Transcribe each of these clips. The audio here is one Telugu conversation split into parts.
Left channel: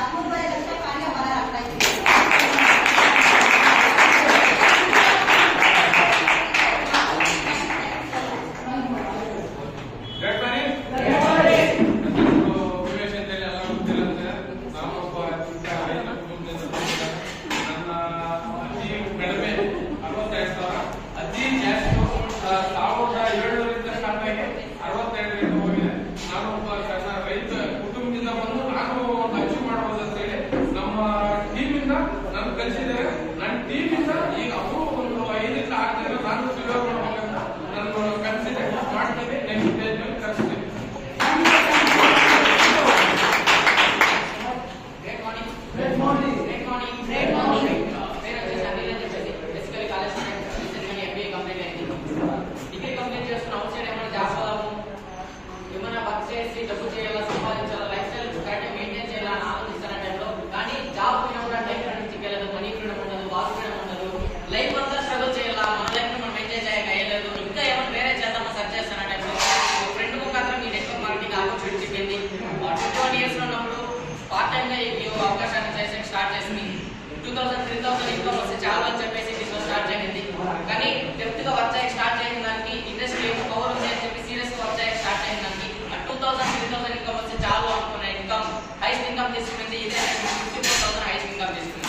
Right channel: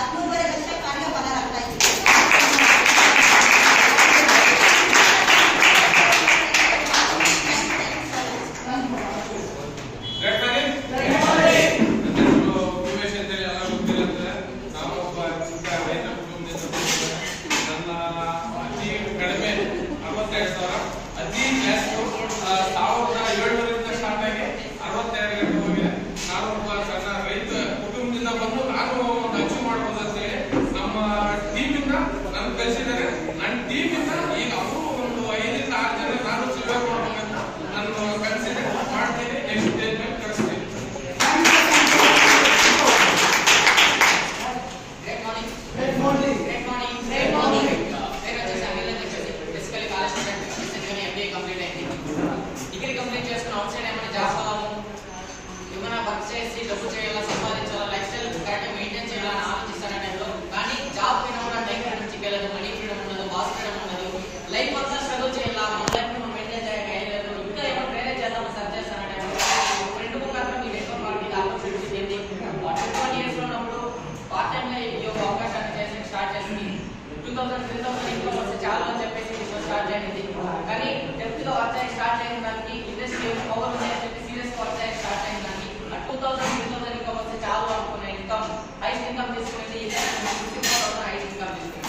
आत्मनिर्भर लक्ष्य कार्य बना रखता है। డబ్బు చేయాలా, సంపాదించాలా, లైఫ్ స్టైల్ కరెక్ట్గా మెయింటైన్ చేయాలా అని ఆలోచిస్తాను టైంలో. కానీ జాబ్ పోయినా కూడా టైం ఫ్రీడమ్ చిక్కలేదు, మనీ ఫ్రీడమ్ ఉండదు, బాస్ ఫ్రీడమ్ ఉండదు. లైఫ్ అంతా స్ట్రగుల్ చేయాలా, మన లైఫ్ని మనం మెయింటైన్ చేయలేదు. ఇంకా ఏమైనా వేరే చేద్దామా సర్చ్ చేస్తాను టైంలో ఫ్రెండ్ ముఖాంతరం ఈ నెట్వర్క్ మార్కెటింగ్ ఆపర్చునిటీ చెప్పింది. 21 years లో ఉన్నప్పుడు పార్ట్ టైంగా ఈ అవకాశాన్ని చేసి స్టార్ట్ చేసింది. 2000-3000 ఇన్కమ్ వస్తే చాలా అని చెప్పేసి బిజినెస్ స్టార్ట్ చేసింది. కానీ డెప్త్గా వర్క్ చేయక స్టార్ట్ చేసిన దానికి ఇండస్ట్రీ పవర్ ఉంది అని చెప్పి సీరియస్గా వర్క్ చేయక స్టార్ట్ చేసిన దానికి 2000-3000 ఇన్కమ్ వస్తే చాలు అనుకునే ఇన్కమ్ హైయెస్ట్ ఇన్కమ్ తీసుకునేది ఇదే. 54,000 హైయెస్ట్ ఇన్కమ్ తీసుకునేది.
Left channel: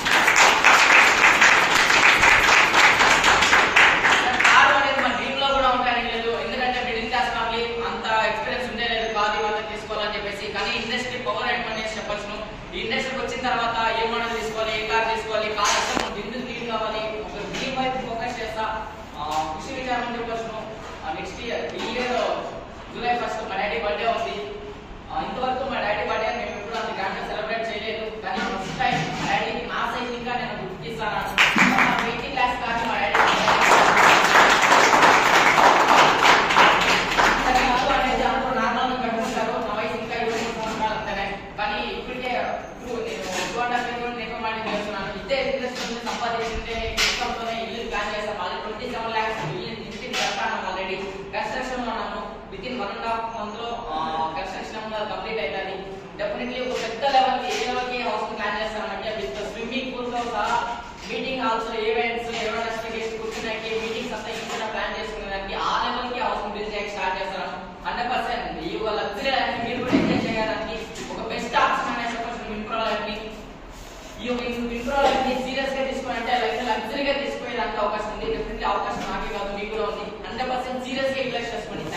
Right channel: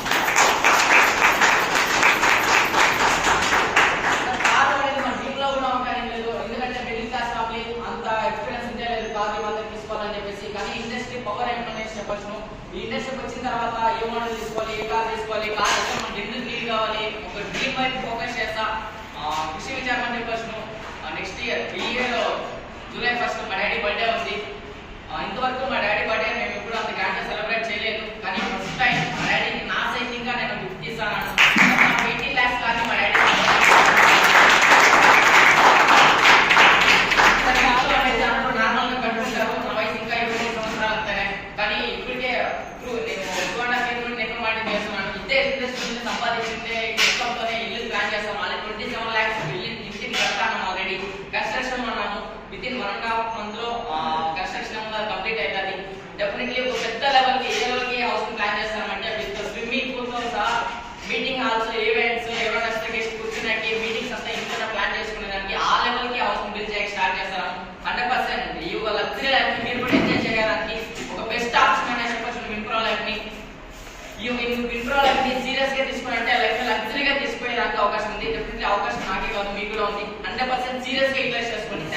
కారు అనేది మన డ్రీమ్ లో కూడా ఉంటాయని లేదు, ఎందుకంటే మిడిల్ క్లాస్ ఫ్యామిలీ అంత ఎక్స్పీరియన్స్ ఉంటే లేదు కాదు ఇవాళ తీసుకోవాలని చెప్పేసి. కానీ ఇండస్ట్రీ పవర్ ఏమనేది చెప్పచ్చు. ఈ ఇండస్ట్రీకి వచ్చిన తర్వాత ఏ మోడల్ తీసుకోవాలి, ఏ కార్ తీసుకోవాలి, కార్ వస్తే మనకు ఎందుకు నీడ్ కావాలి, ఒక డ్రీమ్ వైపు ఫోకస్ చేస్తా కృషి విచారం అని చెప్పచ్చు. నెక్స్ట్ ఇయర్ ఈ ఇయర్ జూలై 1st మా డాడీ బర్త్డే ఉంది. ఇంతవరకు మా డాడీ బర్త్డే మేము ఎప్పుడు అంత గ్రాండ్ గా సెలబ్రేట్ చేయలేదు. కానీ ఫస్ట్ టైం మా డాడీకి నా సైజ్ ఇంకా నేను గిఫ్ట్ ఇస్తాను. 18 lakhs కానీ మా డాడీ నార్మల్ గా కట్టుకుంటారు. నా వయసు ఇంకా 25 సంవత్సరాలు అంతనే. కానీ ఇప్పటికే నేను 2.5 నెట్ మార్కెటింగ్ చేస్తున్నాను. ఇదే ఇండస్ట్రీ సంపాదించిందే ఇన్కంతోనే ఇల్లు ప్లాన్ చేస్తాం. అది 27 lakhs ఇంటికి కట్టాను. ఆల్రెడీ కన్స్ట్రక్షన్ ఉన్నాము. వితిన్ 1.5 month లో కన్స్ట్రక్షన్ కంప్లీట్ అవుతుంది. డెఫినెట్లీ ఒక పెద్ద లెవెల్కి ఏ లెవెల్కి హౌస్ ప్లాన్ చేస్తామంటే విత్ స్విమ్మింగ్ పూల్ తో సహా మీటింగ్ హాల్స్, ఈవెంట్స్, ఎవరైనా గెస్ట్ కూర్చున్నాకి మీటింగ్స్ అంతా ఇంట్లో ప్లాన్ చేసుకునేదానికి ఆ లెవెల్కి హౌస్ బిల్డ్ చేయడానికి స్టార్ట్ చేస్తాము. 100% ఈ లగ్జరీ లైఫ్ ని మీరు కూడా ఎంజాయ్ చేయడానికి ఒక బెస్ట్ ఆప్షన్ అనే చెప్పచ్చు విన్ప్రో లైఫ్ ని. ఈ విన్ప్రో లైఫ్ ని సీరియస్ గా తీసుకుని లైఫ్ లగ్జరీగా తీసుకునేదానికి అవకాశం ఉంది. డెఫినెట్లీ అవకాశం నాకే కాదు, మీకు కూడా ఉంది. 100% సీరియస్ గా యూటిలైజ్ చేసుకోండి.